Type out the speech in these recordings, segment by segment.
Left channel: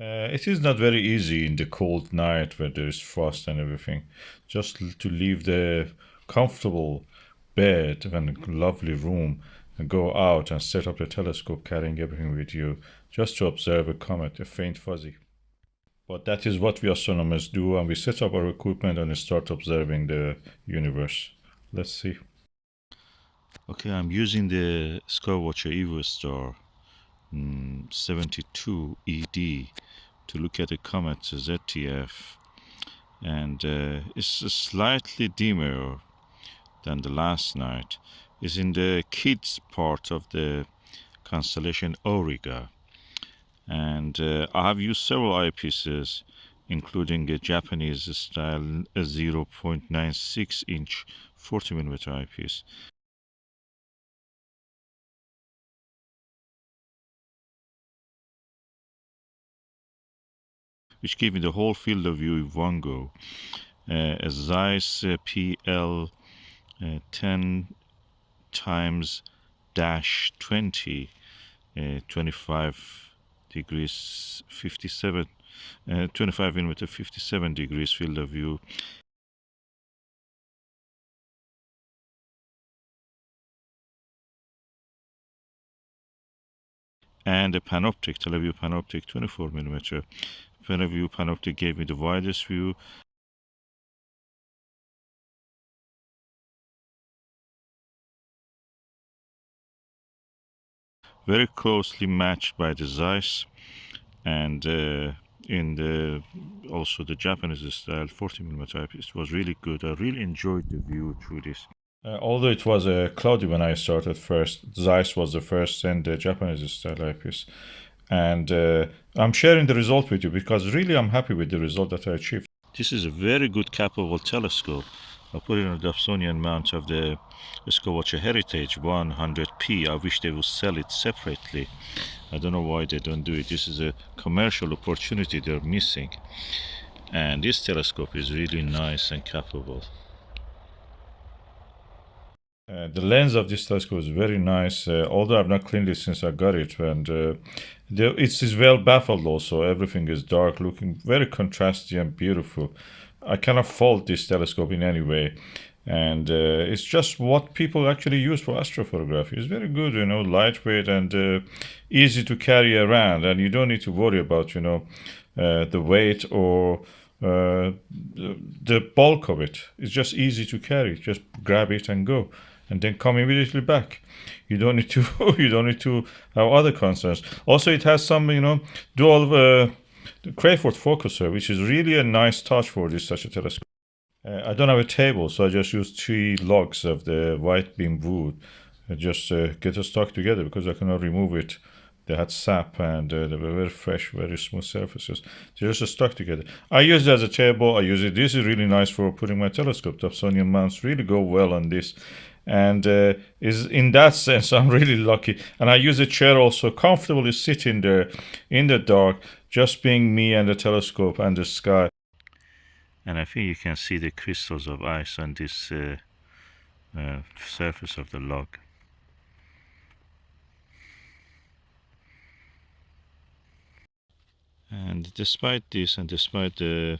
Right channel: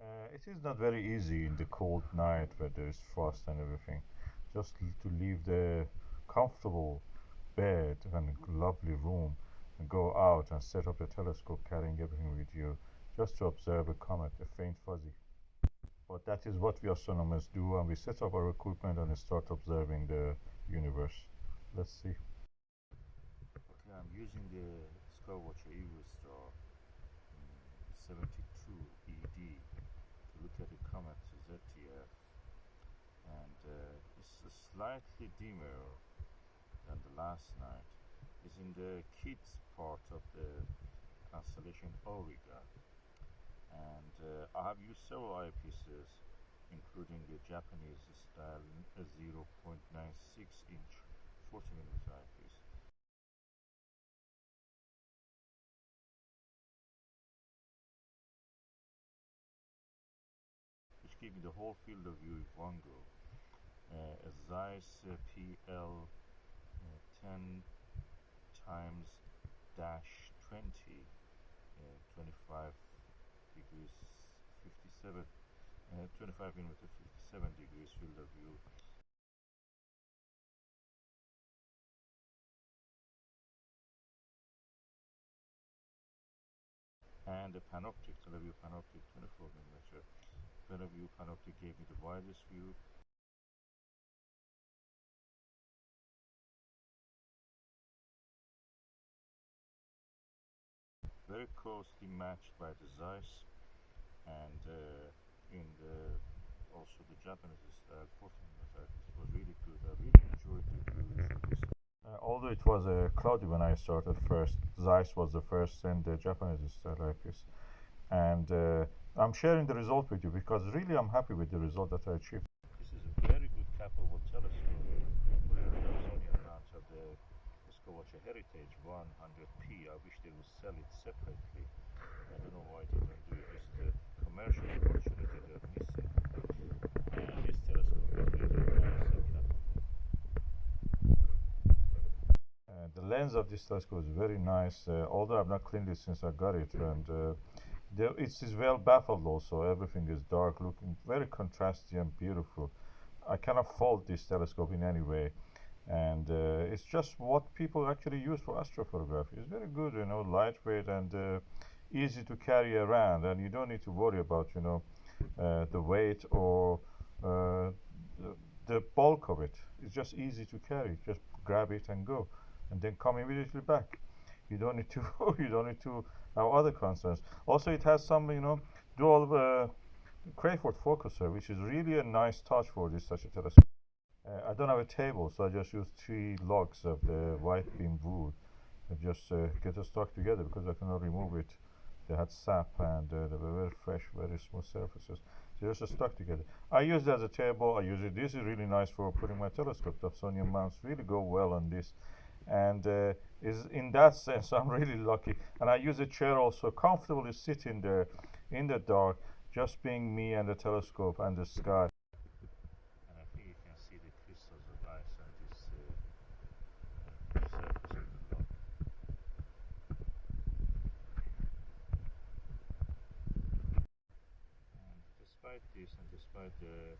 It is not very easy in the cold night where there is frost and everything. Just to leave the comfortable bed and lovely room and go out and set up the telescope carrying everything with you just to observe a comet, a faint fuzzy. But that is what we astronomers do, and we set up our equipment and start observing the universe. Let's see. Okay, I'm using the Skywatcher Evostar 72 ED to look at the comet ZTF, and it's slightly dimmer than the last night. It's in the kids part of the constellation Aurigae, and I have used several eyepieces, including a Japanese style 0.96 inch 40mm eyepiece, which gave me the whole field of view in one go. A Zeiss Pl-10 times dash 20, 25 degrees 57, 25mm 57 degrees field of view. And a Panoptic, Televue Panoptic 24mm. Televue Panoptic gave me the widest view. Very closely matched by the Zeiss, and in the also the Japanese style 40mm eyepiece. It was really good. I really enjoyed the view through this. Although it was cloudy when I started first, Zeiss was the first and the Japanese style eyepiece. And I'm sharing the result with you because really I'm happy with the result that I achieved. This is a very good capable telescope. I put it on the Dobsonian mount of the Skywatcher Heritage 100p. I wish they would sell it separately. I don't know why they don't do it. This is a commercial opportunity they're missing. And this telescope is really nice and capable. The lens of this telescope is very nice, although I've not cleaned it since I got it, and it is well baffled also. Everything is dark, looking very contrasty and beautiful. I cannot fault this telescope in any way, and it's just what people actually use for astrophotography. It's very good, lightweight and easy to carry around, and you don't need to worry about, the weight or the bulk of it. It's just easy to carry. Just grab it and go, and then come immediately back. You don't need to you don't need to have other concerns. Also, it has some dual Crayford focuser, which is really a nice touch for this such a telescope. I don't have a table, so I just use 3 logs of the Whitebeam wood. I just get it stuck together because I cannot remove it. They had sap and they were very fresh, very smooth surfaces. They're just stuck together. I use it as a table. I use it. This is really nice for putting my telescope. Dobsonian mounts really go well on this. And is in that sense, I'm really lucky. And I use a chair also, comfortably sitting there in the dark, just being me and the telescope and the sky. And I think you can see the crystals of ice on this surface of the log. And despite this, and despite the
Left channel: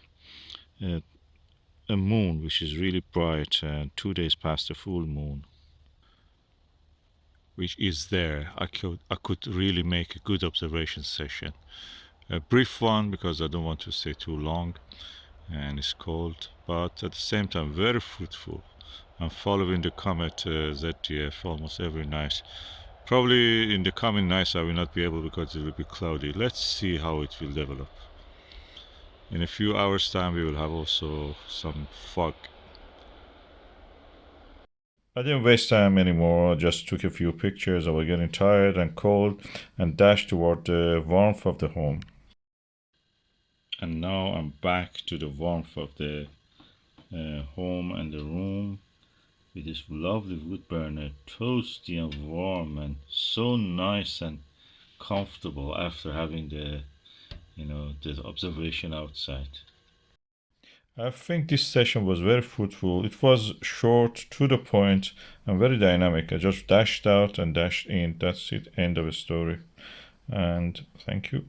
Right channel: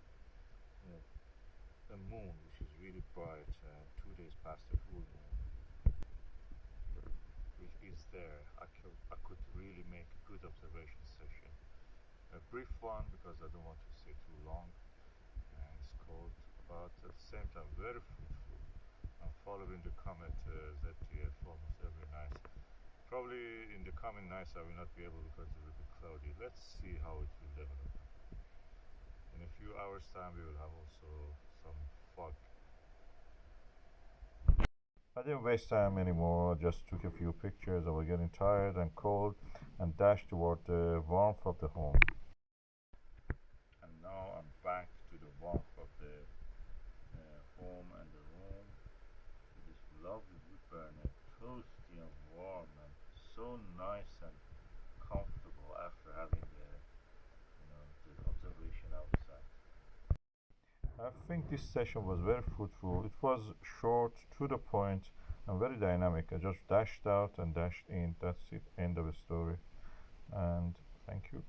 a moon which is really bright, 2 days past the full moon, which is there, I could really make a good observation session. A brief one because I don't want to stay too long, and it's cold, but at the same time very fruitful. I'm following the Comet ZTF almost every night. Probably in the coming nights I will not be able because it will be cloudy. Let's see how it will develop. In a few hours time we will have also some fog. I didn't waste time anymore. I just took a few pictures. I was getting tired and cold and dashed toward the warmth of the home. And now I'm back to the warmth of the home and the room with this lovely wood burner, toasty and warm and so nice and comfortable after having the observation outside. I think this session was very fruitful. It was short, to the point, and very dynamic. I just dashed out and dashed in. That's it. End of the story. And thank you.